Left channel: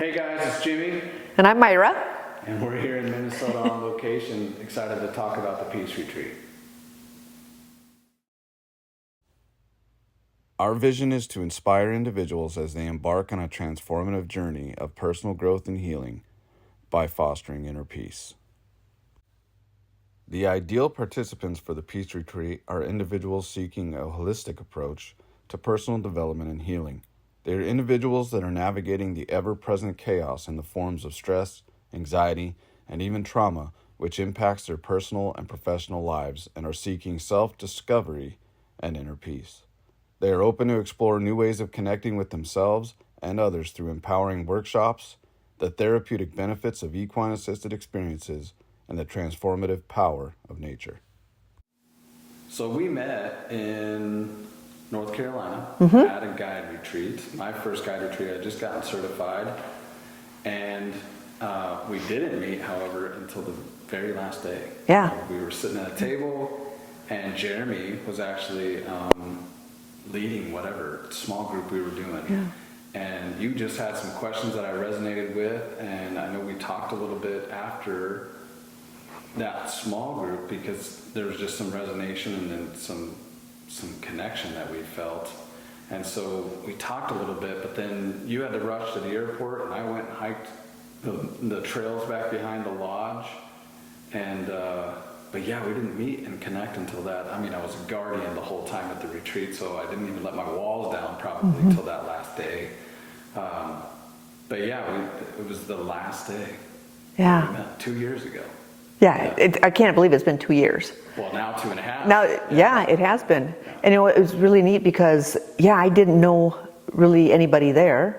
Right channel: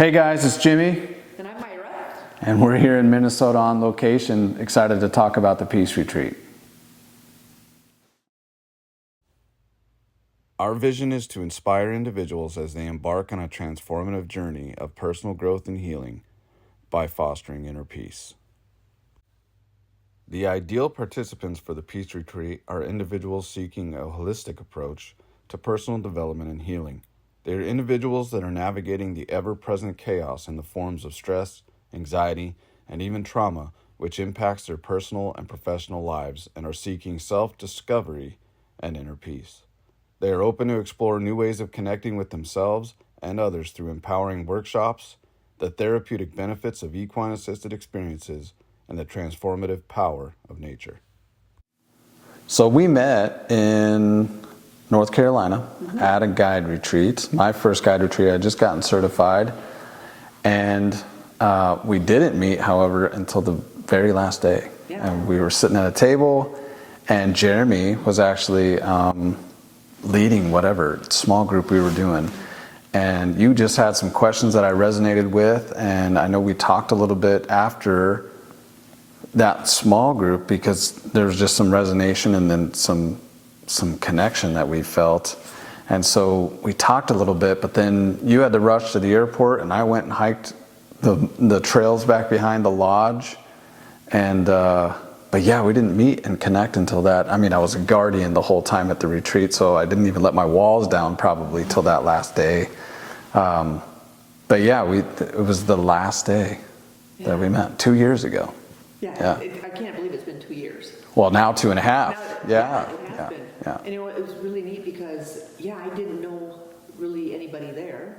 Hey guys, it's Jimmy. And I'm Myra. And we're here in Minnesota on location, excited to talk about the Peace Retreat. Our vision is to inspire individuals as they embark on a transformative journey of personal growth and healing by fostering inner peace. The ideal participants for the Peace Retreat are individuals seeking a holistic approach to personal development and healing. They are individuals that are navigating the ever-present chaos in the forms of stress, anxiety, and even trauma, which impacts their personal and professional lives, and are seeking self-discovery and inner peace. They are open to explore new ways of connecting with themselves and others through empowering workshops, the therapeutic benefits of equine-assisted experiences, and the transformative power of nature. So we met in North Carolina at a guide retreat. My first guide retreat, I had just gotten certified. And we didn't meet, however, until the very last day. Yeah. And we were sitting at a table, and Jeremy was actually leading whatever small group we were doing. And you just had some questions that I resonated with, and I know we talked a little bit after that small group because there was just some resonation and then some connection that we felt. And so we talked a little bit, but then you had to rush to the airport, and I went and hiked the trails back behind the lodge. And but yeah, we didn't meet and connect until that. I mean, I was a guardian the whole time at the retreat, so I didn't even let my walls down probably till that last day. But yeah, it was the last day that we met 2 years ago. Yeah. I can't believe it's been 2 years. Well, now 2.5. Now, yeah, it has been. Yeah. And it was really neat because, I didn't know really anybody there.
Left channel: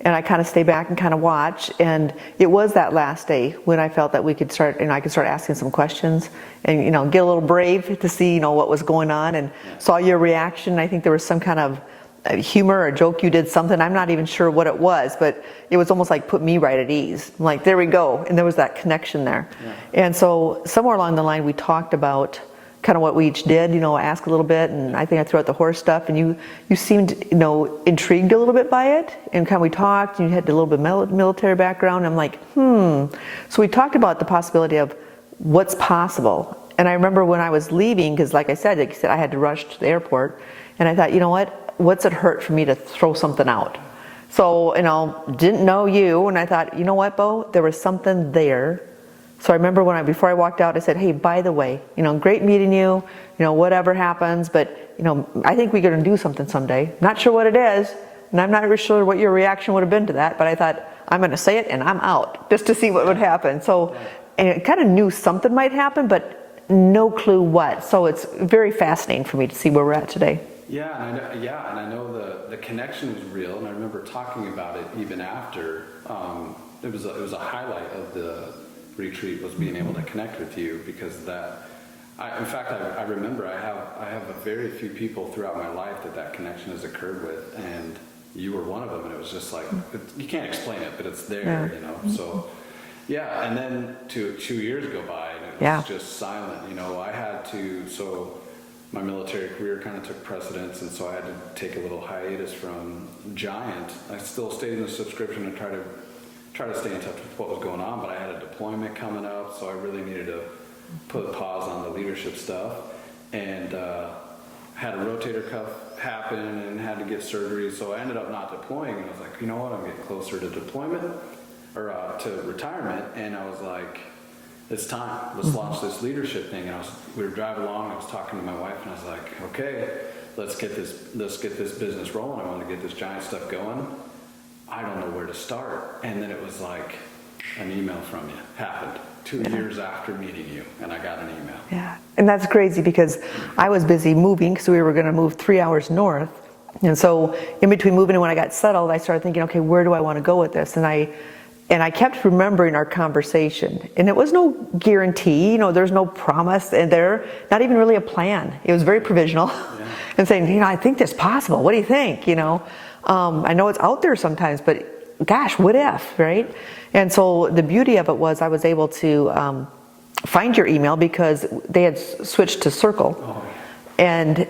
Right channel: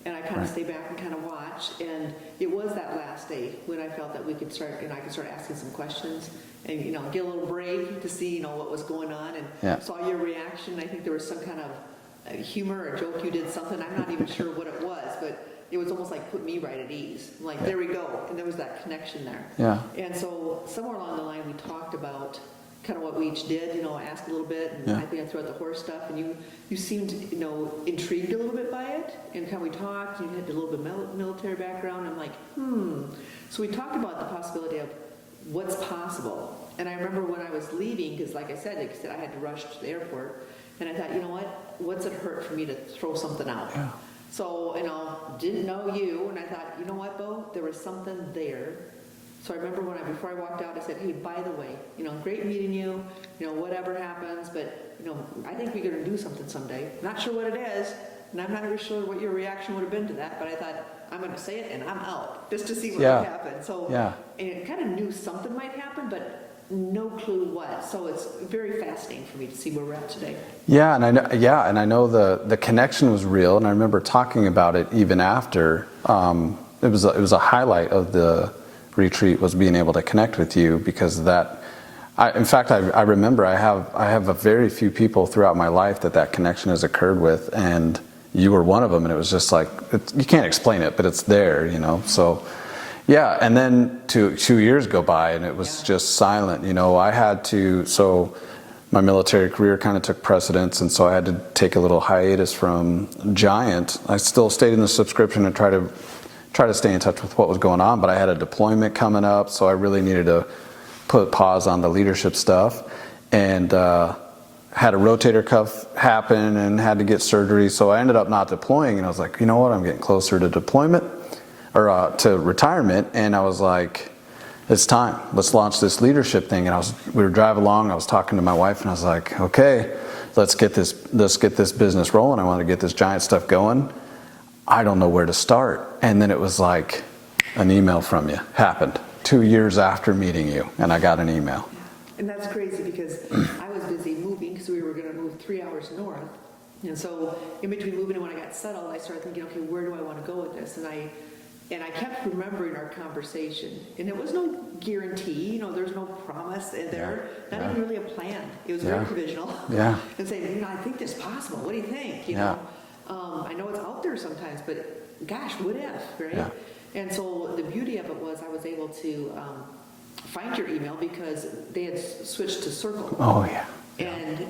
And I kind of stay back and kind of watch. And it was that last day when I felt that we could start, I could start asking some questions and, get a little brave to see, what was going on. And saw your reaction. I think there was some kind of humor or joke. You did something. I'm not even sure what it was, but it was almost like put me right at ease. I'm like, there we go. And there was that connection there. Yeah. And so somewhere along the line, we talked about kind of what we each did, ask a little bit. And I think I threw out the horse stuff, and you seemed, intrigued a little bit by it. And kind of we talked, and you had a little bit of military background. I'm like, So we talked about the possibility of what's possible. And I remember when I was leaving, because like I said, I had to rush to the airport. And I thought, what's it hurt for me to throw something out? So, didn't know you, and I thought, Bo, there was something there. So I remember before I walked out, I said, hey, by the way, great meeting you, whatever happens, but, I think we're going to do something someday. Not sure what it is, and I'm not really sure what your reaction would have been to that, but I thought, I'm going to say it, and I'm out, just to see what would happen. So, and I kind of knew something might happen, but no clue what. So it's very fascinating for me to see where we're at today. Yeah, and I know the connection was real, and I remember talking about it even after. It was a highlight of the retreat was being able to connect with you because that. In fact, I remember I have a very few people throughout my life that connection has occurred with, and you were one of them, and it was just like you can't explain it, but it's there, So. Yeah, and then 2 years go by, and it was just silent. I had to my military career kind of took precedence, and so I had to take a little hiatus from GiANT. I still stayed in the subscription and try to stay in touch with what was going on, but I had a deployment coming up, so I really needed to put pause on the leadership stuff, and had a rotator cuff happen and had to get surgery, so I ended up not deploying, and I was like, you know what, I'm getting closer to deployment, or to retirement, and I was like, it's time. Let's launch this leadership thing. And we were driving along. I was talking to my wife, and I was like, okay, let's get this business rolling. I want to get this GiANT stuff going. I don't know where to start. And then it was like an email from you happened 2 years after meeting you, and I got an email. Yeah, and that's crazy because I was busy moving because we were going to move 3 hours north. And so in between moving and when I got settled, I started thinking, okay, where do I want to go with this? And I kept remembering our conversation, and it was no guarantee, there's no promise, and not even really a plan. It was very provisional. Yeah. And saying, I think this is possible. What do you think? I know it's out there sometimes, but gosh, what if, right? Yeah. And so the beauty of it was I was able to find your email because they had switched to Circle. Oh yeah. And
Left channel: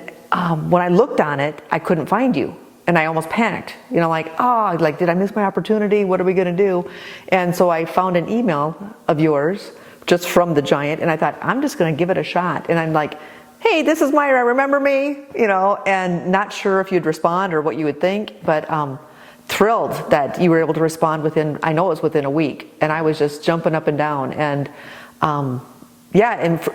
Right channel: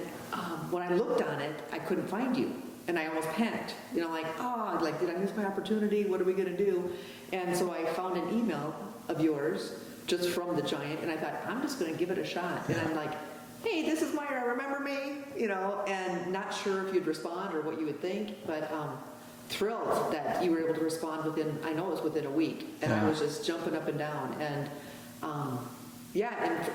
when I looked on it, I couldn't find you. and I almost panicked, like, oh, like, did I miss my opportunity? What are we going to do? And so I found an email of yours just from the GiANT, and I thought, I'm just going to give it a shot. And I'm like, hey, this is Myra, remember me? And not sure if you'd respond or what you would think, but thrilled that you were able to respond within, I know it was within a week, and I was just jumping up and down. And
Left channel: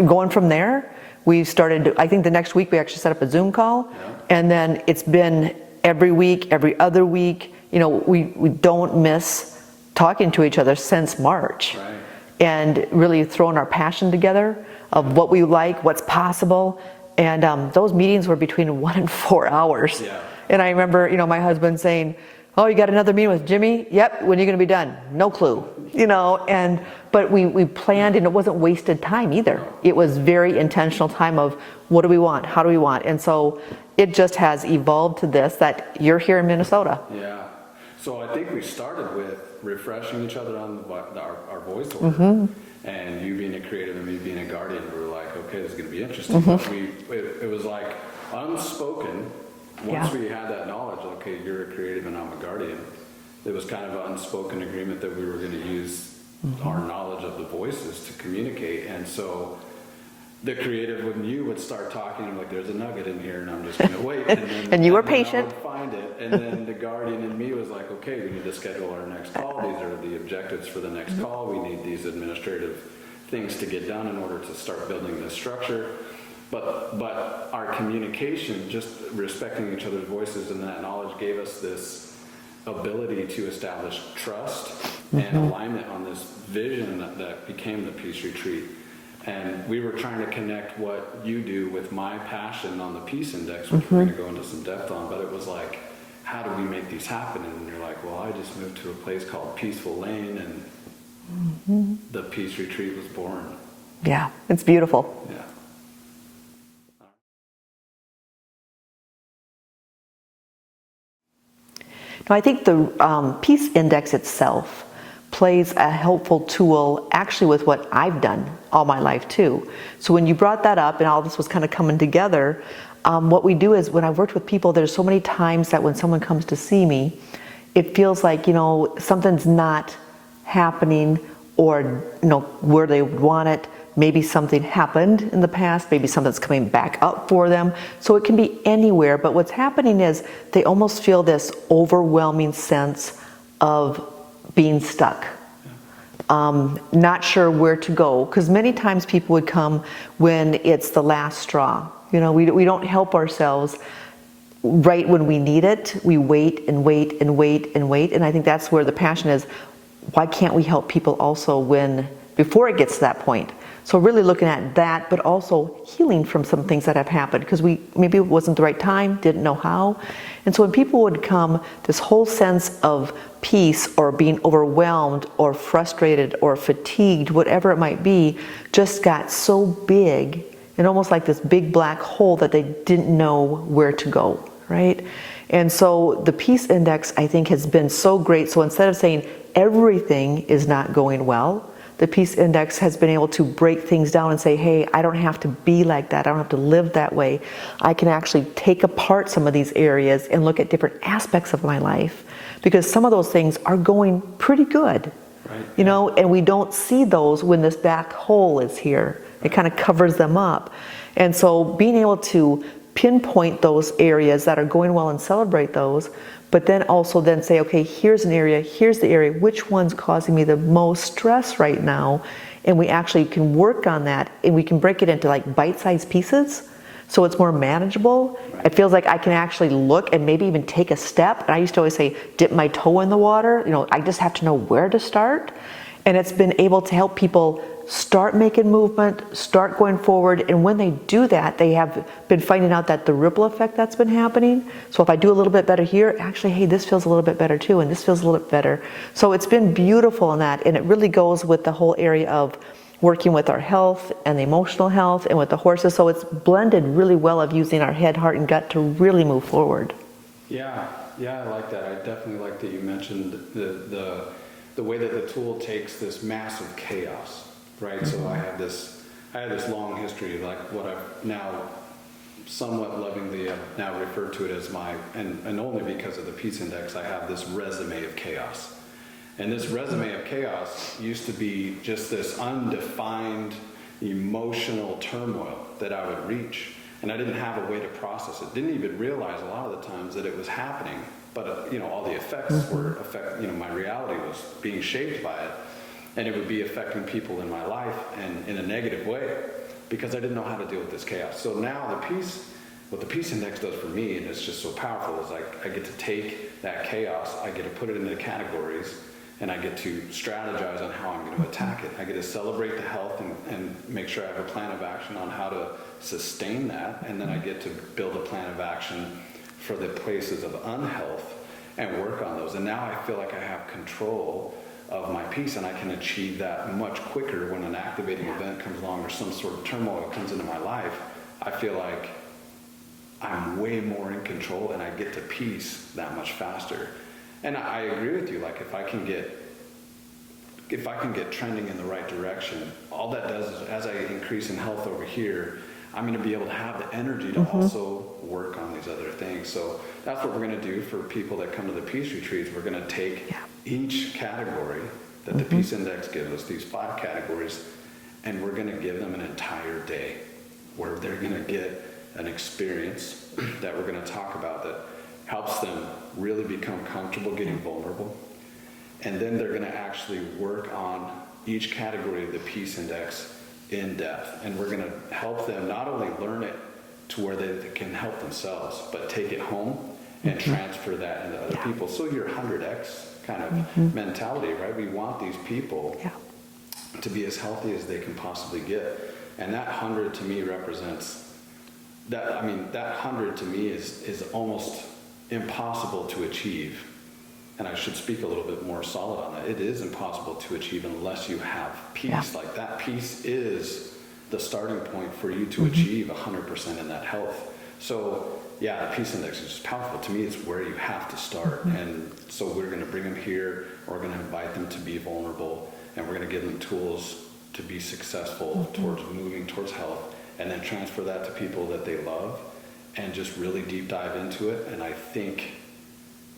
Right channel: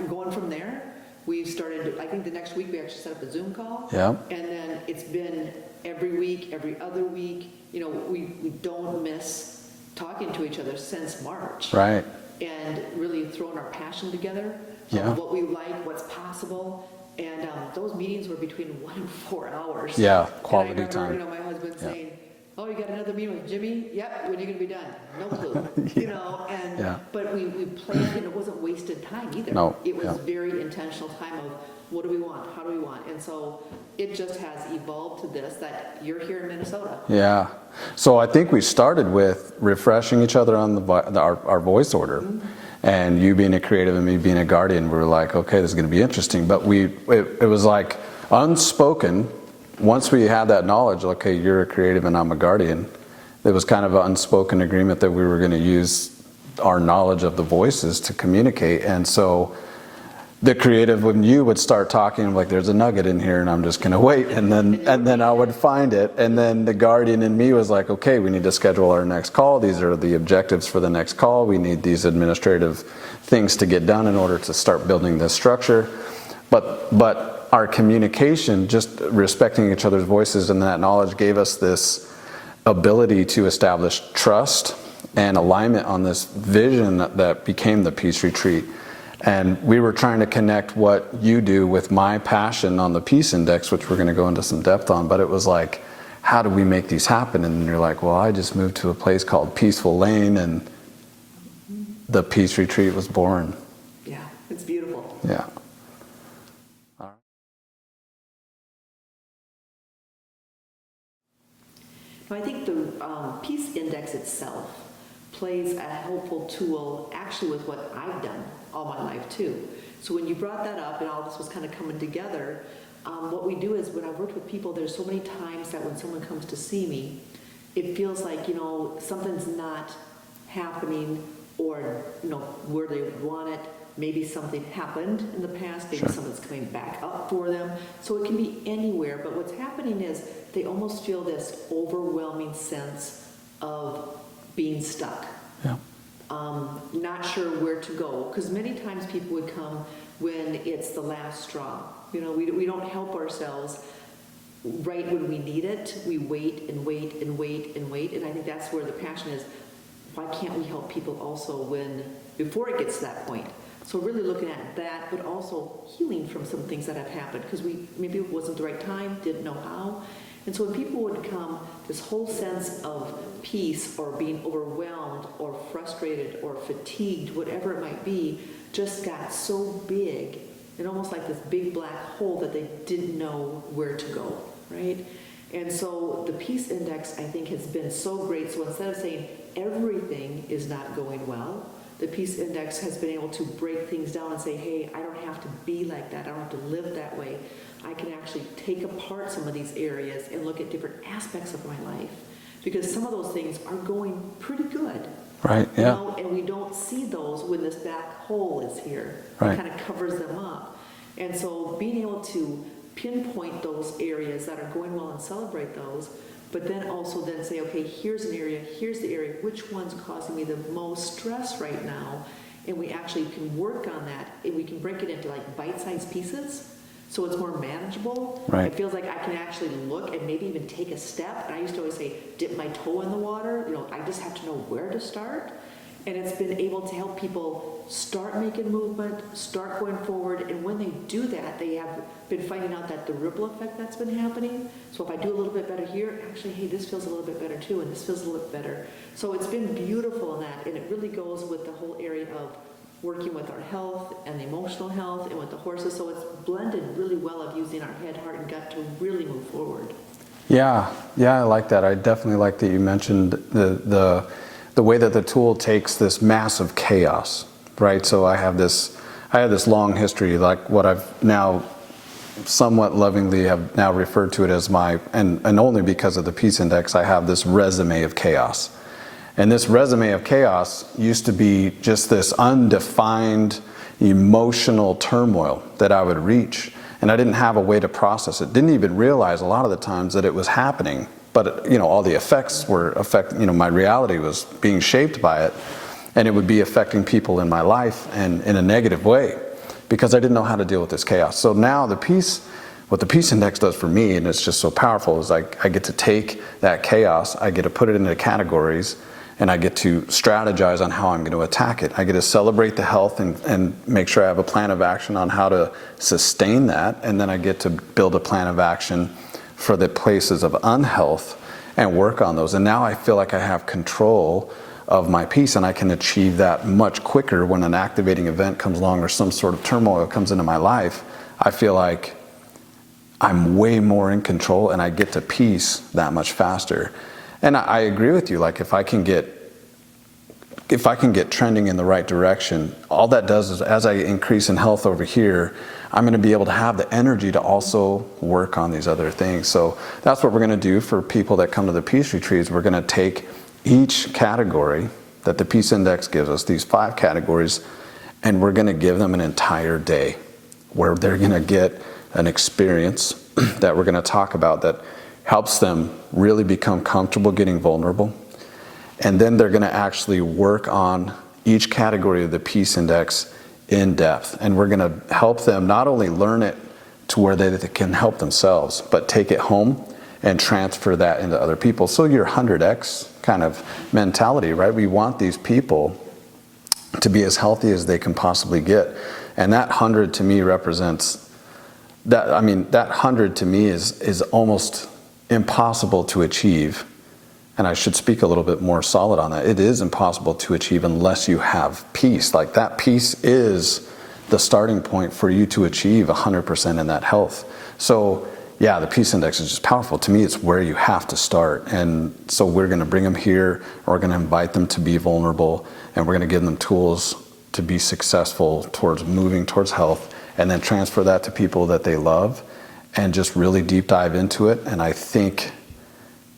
going from there, we started, I think the next week we actually set up a Zoom call. Yeah. And then it's been every week, every other week. We don't miss talking to each other since March. Right. And really throwing our passion together of what we like, what's possible. And those meetings were between 1 and 4 hours. Yeah. And I remember, my husband saying, oh, you got another meeting with Jimmy? Yep, when are you going to be done? No clue. But we planned, and it wasn't wasted time either. No. It was very intentional time of what do we want? How do we want? And so it just has evolved to this, that you're here in Minnesota. Yeah. So I think we started with refreshing each other on our voice order, and you being a creative and me being a guardian. We were like, okay, this is going to be interesting. But it was like unspoken. Once we had that knowledge, okay, you're a creative and I'm a guardian. It was kind of an unspoken agreement that we were going to use our knowledge of the voices to communicate. And so the creative, when you would start talking, I'm like, there's a nugget in here, and I'm just going to wait. And then, and then I would find it. And then the guardian in me was like, okay, we need to schedule our next call. These are the objectives for the next call. We need these administrative things to get done in order to start building this structure. But our communication, just respecting each other's voices and that knowledge, gave us this ability to establish trust and alignment on this vision that became the Peace Retreat. And we were trying to connect what you do with my passion on the Peace Index, which we're going to go into some depth on. But it was like, how do we make these happen? And you're like, well, I just moved to a place called Peaceful Lane, and the Peace Retreat was born. Yeah, it's beautiful. Yeah. Now, I think the Peace Index itself plays a helpful tool actually with what I've done all my life too. So when you brought that up and all this was kind of coming together, what we do is when I've worked with people, there's so many times that when someone comes to see me, it feels like, something's not happening, or, where they would want it. Maybe something happened in the past, maybe something's coming back up for them. So it can be anywhere, but what's happening is they almost feel this overwhelming sense of being stuck. Not sure where to go, because many times people would come when it's the last straw. We don't help ourselves right when we need it. We wait and wait and wait and wait, and I think that's where the passion is. Why can't we help people also before it gets to that point? So really looking at that, but also healing from some things that have happened, because maybe it wasn't the right time, didn't know how. And so when people would come, this whole sense of peace or being overwhelmed or frustrated or fatigued, whatever it might be, just got so big and almost like this big black hole that they didn't know where to go, right? And so the Peace Index, I think, has been so great. So instead of saying everything is not going well, the Peace Index has been able to break things down and say, hey, I don't have to be like that. I don't have to live that way. I can actually take apart some of these areas and look at different aspects of my life, because some of those things are going pretty good. Right. And we don't see those when this black hole is here. Right. It kind of covers them up. And so being able to pinpoint those areas that are going well and celebrate those, but then also then say, okay, here's an area, here's the area, which one's causing me the most stress right now? And we actually can work on that, and we can break it into like bite-sized pieces, so it's more manageable. Right. It feels like I can actually look and maybe even take a step. And I used to always say, dip my toe in the water. I just have to know where to start. And it's been able to help people start making movement, start going forward. And when they do that, they have been finding out that the ripple effect that's been happening. So if I do a little bit better here, actually, hey, this feels a little bit better too, and this feels a little bit better. So it's been beautiful in that, and it really goes with the whole area of working with our health and the emotional health and with the horses. So it's blended really well of using our head, heart, and gut to really move forward. Yeah, I like that. I definitely like that you mentioned the way that the tool takes this massive chaos, right? So I have this long history, like what I've now somewhat lovingly have now referred to it as my, and only because of the Peace Index, I have this resume of chaos. And this resume of chaos used to be just this undefined emotional turmoil that I would reach. And I didn't have a way to process it. Didn't even realize a lot of the times that it was happening. But, all the effects were my reality was being shaped by it. And it would be affecting people in my life and in a negative way because I didn't know how to deal with this chaos. So now what the Peace Index does for me, and it's just so powerful, is I get to take that chaos, I get to put it into categories, and I get to strategize on how I'm going to attack it. I get to celebrate the health and make sure I have a plan of action on how to sustain that, and then I get to build a plan of action for the places of unhealth and work on those. And now I feel like I have control of my peace, and I can achieve that much quicker when an activating event comes along or some sort of turmoil comes into my life. I feel like I'm way more in control and I get to peace that much faster. And I agree with you, like if I can get trending in the right direction, all that does is as I increase in health over here, I'm going to be able to have the energy to also work on these other things. So that's what we're going to do for people that come to the Peace Retreats. We're going to take each category that the Peace Index gives us, these 5 categories, and we're going to give them an entire day where they're going to get an experience that we're going to talk about that helps them really become comfortable getting vulnerable. And then they're going to actually work on each category of the Peace Index in depth. And we're going to help them not only learn it to where they can help themselves, but take it home and transfer that into other people. So your 100X kind of mentality, right? We want these people to be as healthy as they can possibly get. And that 100 to me represents that. I mean, that 100 to me is almost impossible to achieve. And I should speak a little bit more solid on that. It is impossible to achieve unless you have peace. Like that peace is the starting point for you to achieve 100% in that health. So yeah, the Peace Index is just powerful. To me, it's where you have to start. And so we're going to bring them here. We're going to invite them to be vulnerable, and we're going to give them tools to be successful towards moving towards health, and then transfer that to people that they love and just really deep dive into it. And I think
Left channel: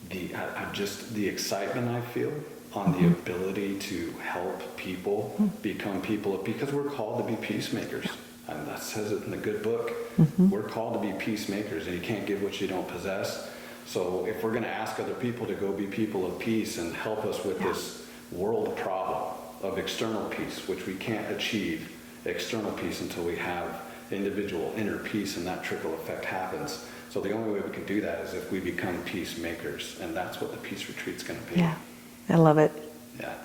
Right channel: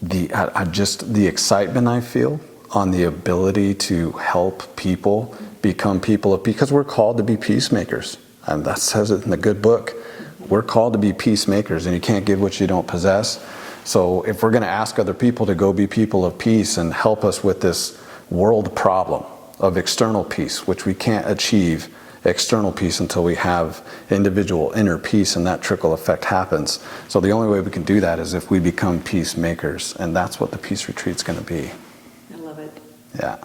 the excitement I feel on the ability to help people become people because we're called to be peacemakers. And that says it in the good book. We're called to be peacemakers, and you can't give what you don't possess. So if we're going to ask other people to go be people of peace and help us with this world problem of external peace, which we can't achieve external peace until we have individual inner peace, and that trickle effect happens. So the only way we can do that is if we become peacemakers, and that's what the Peace Retreat's going to be. Yeah. I love it. Yeah.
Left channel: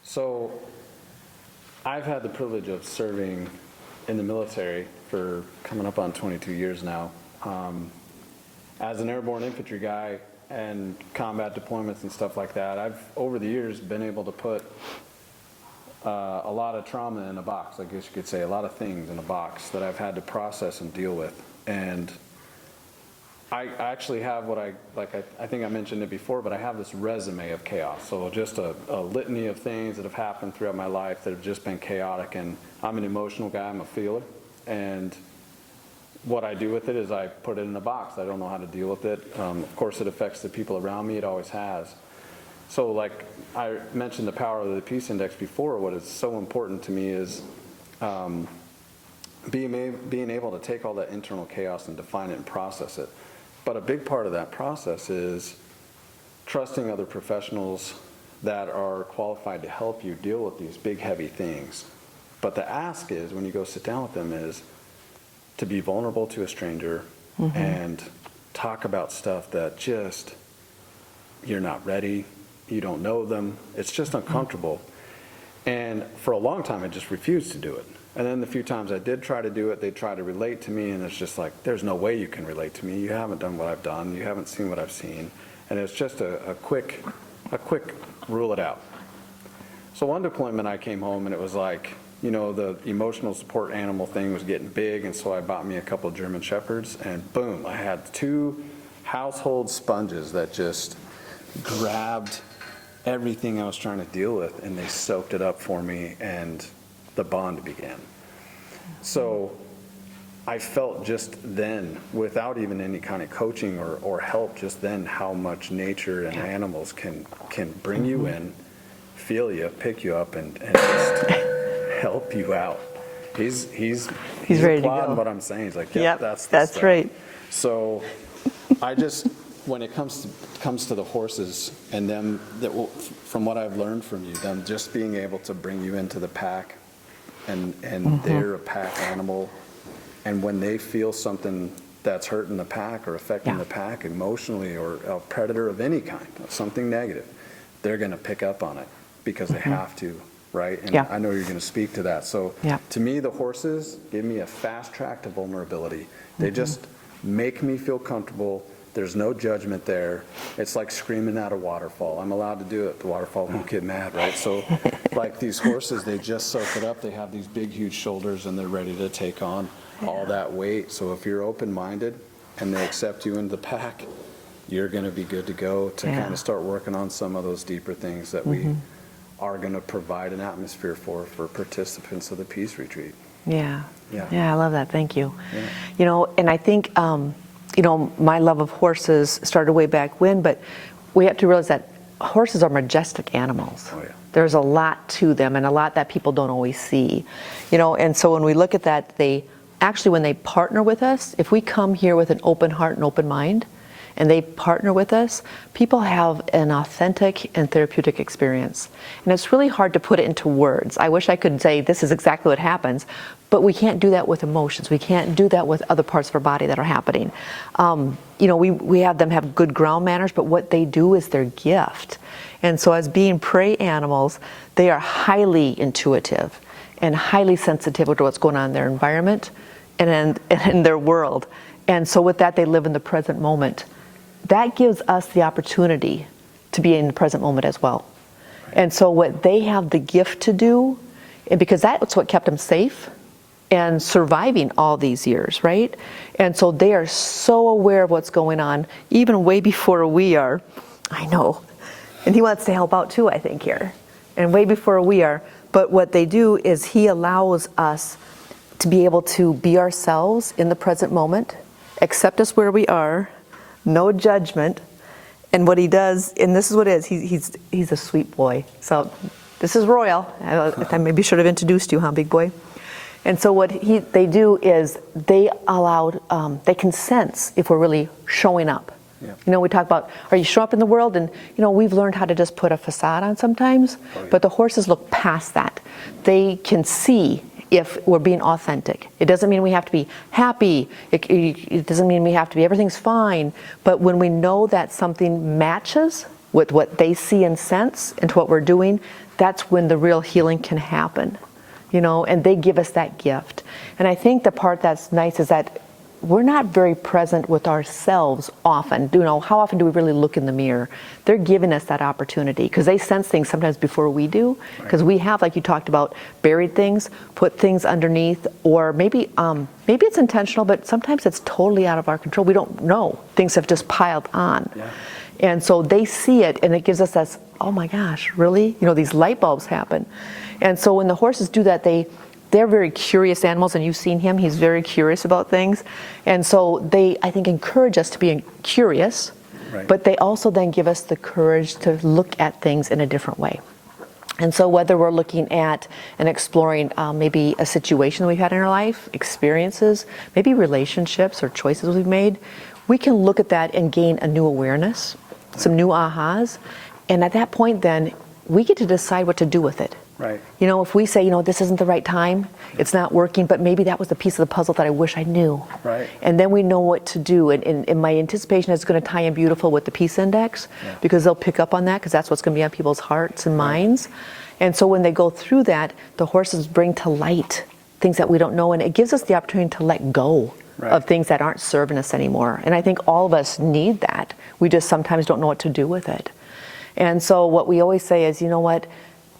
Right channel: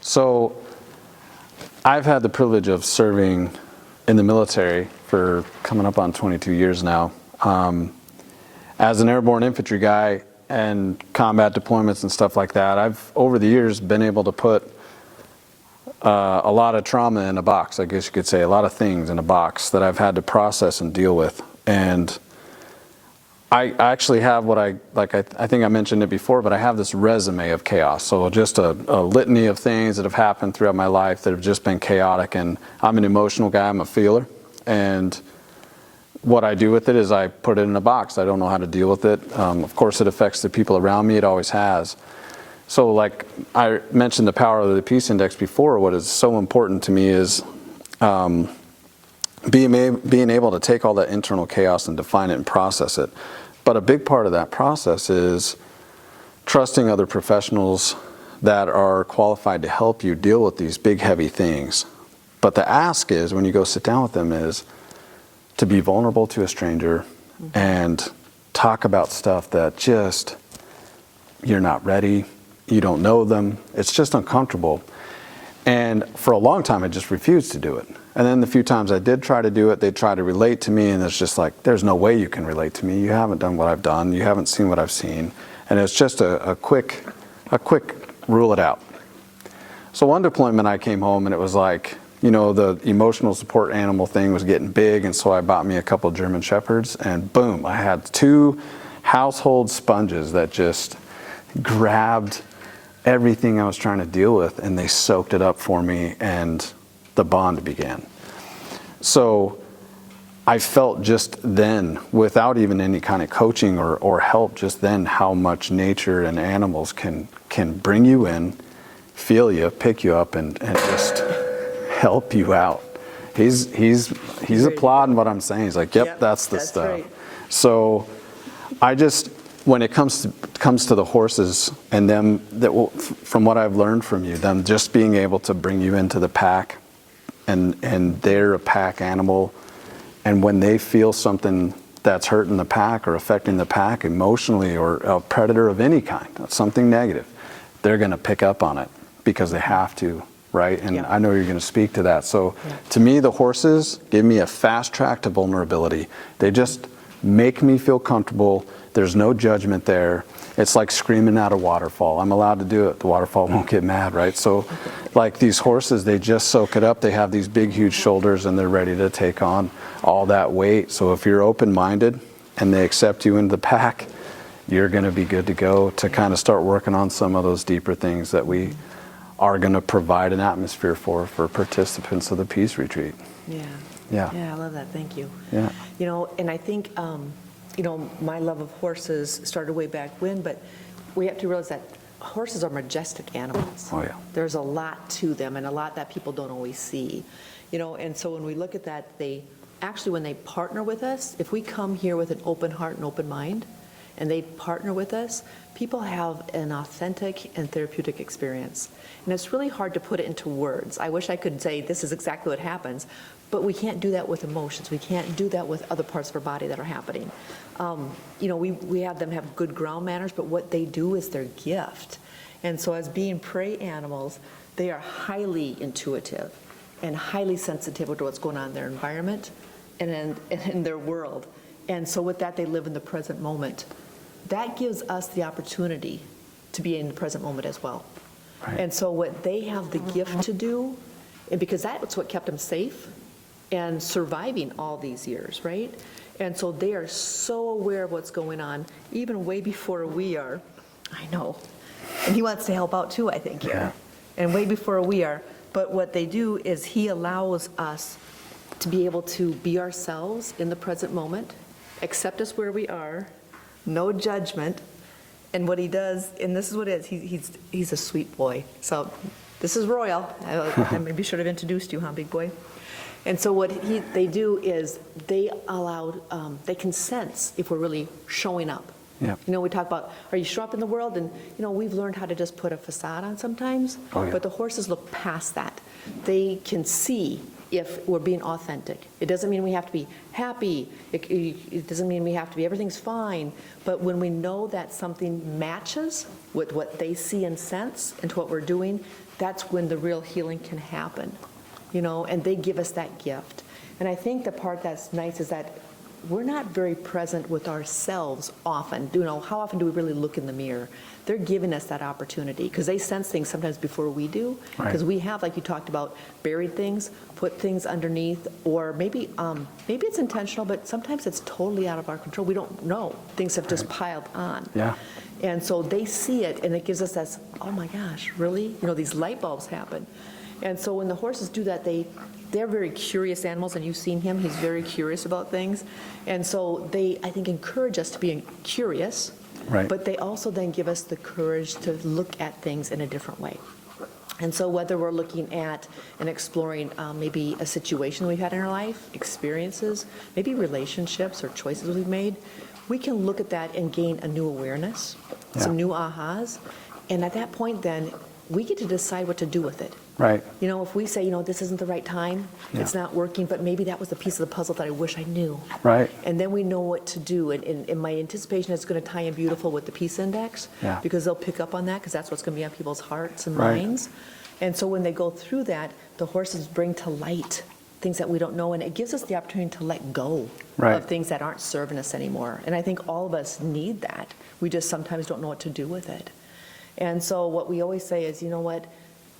So I've had the privilege of serving in the military for coming up on 22 years now. As an airborne infantry guy and combat deployments and stuff like that, I've over the years been able to put a lot of trauma in a box, I guess you could say, a lot of things in a box that I've had to process and deal with. And I actually have what I think I mentioned it before, but I have this resume of chaos. So just a litany of things that have happened throughout my life that have just been chaotic. And I'm an emotional guy, I'm a feeler. And what I do with it is I put it in a box. I don't know how to deal with it. Of course, it affects the people around me. It always has. So like I mentioned the power of the Peace Index before, what is so important to me is being able to take all that internal chaos and define it and process it. But a big part of that process is trusting other professionals that are qualified to help you deal with these big, heavy things. But the ask is, when you go sit down with them, is to be vulnerable to a stranger and talk about stuff that just, you're not ready, you don't know them, it's just uncomfortable. And for a long time, I just refused to do it. And then the few times I did try to do it, they'd try to relate to me, and it's just like, there's no way you can relate to me. You haven't done what I've done. You haven't seen what I've seen. And it's just a quick rule it out. So one deployment I came home and it was like, you know, the emotional support animal thing was getting big, and so I bought me a couple of German Shepherds, and boom, I had 2 household sponges that just grabbed everything I was trying to deal with, and they soaked it up for me, and the bond began. So I felt just then, without even any kind of coaching or help, just then how much nature and animals can bring you in, feel you, pick you up, and just help you out. He's applauding what I'm saying. He's like, yep, that's the stuff. Right. So I just, when it comes to the horses and them, from what I've learned from you, them just being able to bring you into the pack, and they're a pack animal, and when they feel something that's hurting the pack or affecting the pack emotionally, or a predator of any kind, something negative, they're going to pick up on it because they have to, right? And I know you're going to speak to that. So to me, the horses give me a fast track to vulnerability. They just make me feel comfortable. There's no judgment there. It's like screaming at a waterfall. I'm allowed to do it. The waterfall won't get mad, right? So like these horses, they just soak it up. They have these big, huge shoulders, and they're ready to take on all that weight. So if you're open-minded and they accept you into the pack, you're going to be good to go to kind of start working on some of those deeper things that we are going to provide an atmosphere for participants of the Peace Retreat. Yeah, Yeah. I love that. Thank you. Yeah. You know, and I think, you know, my love of horses started way back when, but we have to realize that horses are majestic animals. Oh, yeah. There's a lot to them, and a lot that people don't always see. You know, and so when we look at that, they actually, when they partner with us, if we come here with an open heart and open mind, and they partner with us, people have an authentic and therapeutic experience. And it's really hard to put it into words. I wish I could say this is exactly what happens, but we can't do that with emotions. We can't do that with other parts of our body that are happening. You know, we have them have good ground manners, but what they do is their gift. And so as being prey animals, they are highly intuitive and highly sensitive to what's going on in their environment and in their world. And so with that, they live in the present moment. That gives us the opportunity to be in the present moment as well. Right. And so what they have the gift to do, and because that's what kept them safe and surviving all these years, right? And so they are so aware of what's going on, even way before we are. I know. And he wants to help out too, I think, here. And way before we are. But what they do is he allows us to be able to be ourselves in the present moment, accept us where we are, no judgment. And what he does, and this is what it is, he's a sweet boy. So this is Royal. I maybe should have introduced you, huh, big boy? And so what they do is they can sense if we're really showing up. Yep. You know, we talk about, are you show up in the world? And, you know, we've learned how to just put a facade on sometimes, but the horses look past that. They can see if we're being authentic. It doesn't mean we have to be happy. It doesn't mean we have to be, everything's fine. But when we know that something matches with what they see and sense and what we're doing, that's when the real healing can happen. You know, and they give us that gift. And I think the part that's nice is that we're not very present with ourselves often. You know, how often do we really look in the mirror? They're giving us that opportunity because they sense things sometimes before we do. Because we have, like you talked about, buried things, put things underneath, or maybe it's intentional, but sometimes it's totally out of our control. We don't know. Things have just piled on. Yeah. And so they see it, and it gives us that, oh my gosh, really? You know, these light bulbs happen. And so when the horses do that, they're very curious animals, and you've seen him. He's very curious about things. And so they, I think, encourage us to be curious, but they also then give us the courage to look at things in a different way. And so whether we're looking at and exploring maybe a situation we've had in our life, experiences, maybe relationships or choices we've made, we can look at that and gain a new awareness, some new ahas. And at that point then, we get to decide what to do with it. Right. You know, if we say, you know, this isn't the right time, it's not working, but maybe that was the piece of the puzzle that I wish I knew. Right. And then we know what to do. And my anticipation is going to tie in beautiful with the peace index because they'll pick up on that because that's what's going to be on people's hearts and minds. And so when they go through that, the horses bring to light things that we don't know, and it gives us the opportunity to let go of things that aren't serving us anymore. And I think all of us need that. We just sometimes don't know what to do with it. And so what we always say is, you know what?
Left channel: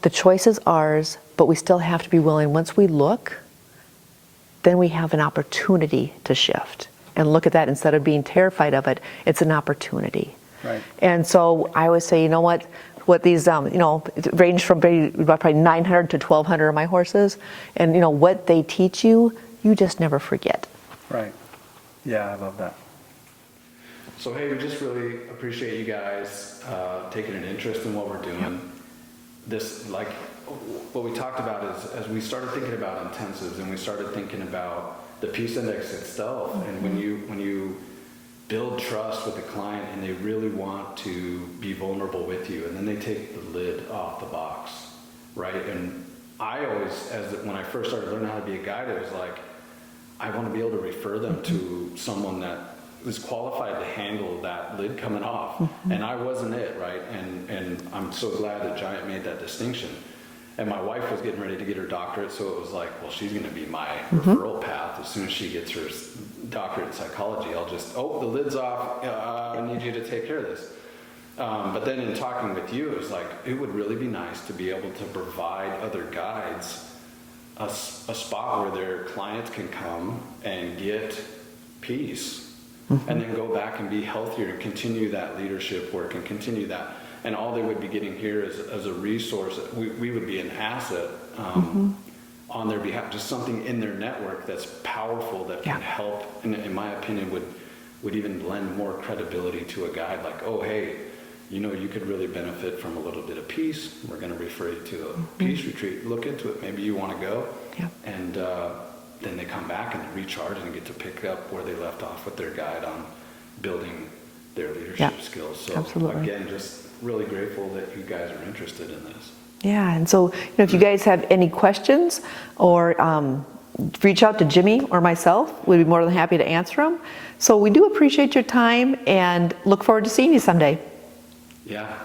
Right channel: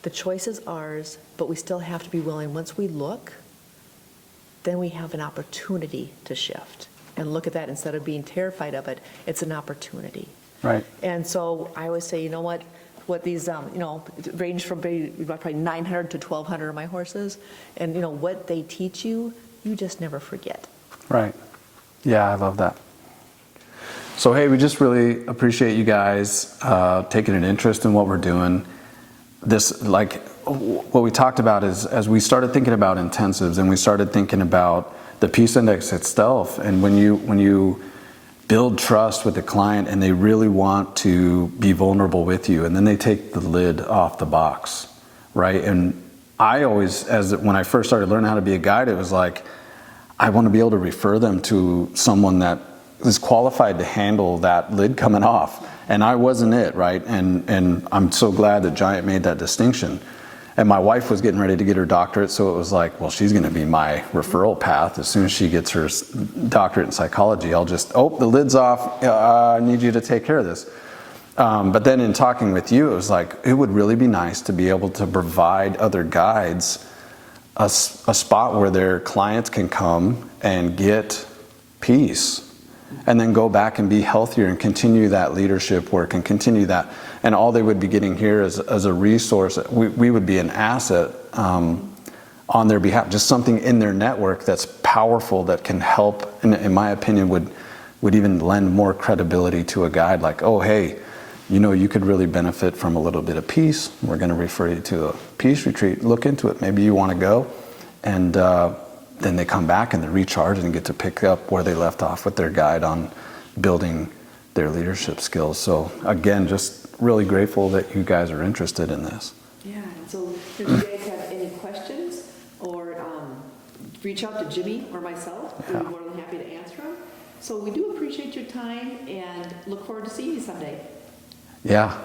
The choice is ours, but we still have to be willing. Once we look, then we have an opportunity to shift and look at that instead of being terrified of it. It's an opportunity. Right. And so I always say, you know what? what these, it ranged from probably 900 to 1,200 of my horses. And, what they teach you, you just never forget. Right. Yeah, I love that. So, hey, we just really appreciate you guys taking an interest in what we're doing. What we talked about is, as we started thinking about intensives and we started thinking about the Peace Index itself, and when you build trust with the client and they really want to be vulnerable with you, and then they take the lid off the box, right? And I always, when I first started learning how to be a guide, it was like, I want to be able to refer them to someone that is qualified to handle that lid coming off. Mm-hmm. And I wasn't it, right? And I'm so glad that GiANT made that distinction. And my wife was getting ready to get her doctorate, so it was like, well, she's going to be my referral path. As soon as she gets her doctorate in psychology, I'll just, the lid's off, I need you to take care of this. But then in talking with you, it was like, it would really be nice to be able to provide other guides a spot where their clients can come and get peace, and then go back and be healthier and continue that leadership work and continue that. And all they would be getting here as a resource, we would be an asset on their behalf, just something in their network that's powerful, that can help, and in my opinion would even lend more credibility to a guide, like, oh, hey, you could really benefit from a little bit of peace. We're going to refer you to a peace retreat. Look into it. Maybe you want to go. Yeah. And then they come back and they recharge and get to pick up where they left off with their guide on building their leadership skills. So again, just really grateful that you guys are interested in this. Yeah, and so if you guys have any questions, or reach out to Jimmy or myself, we'd be more than happy to answer them. So we do appreciate your time and look forward to seeing you someday. Yeah.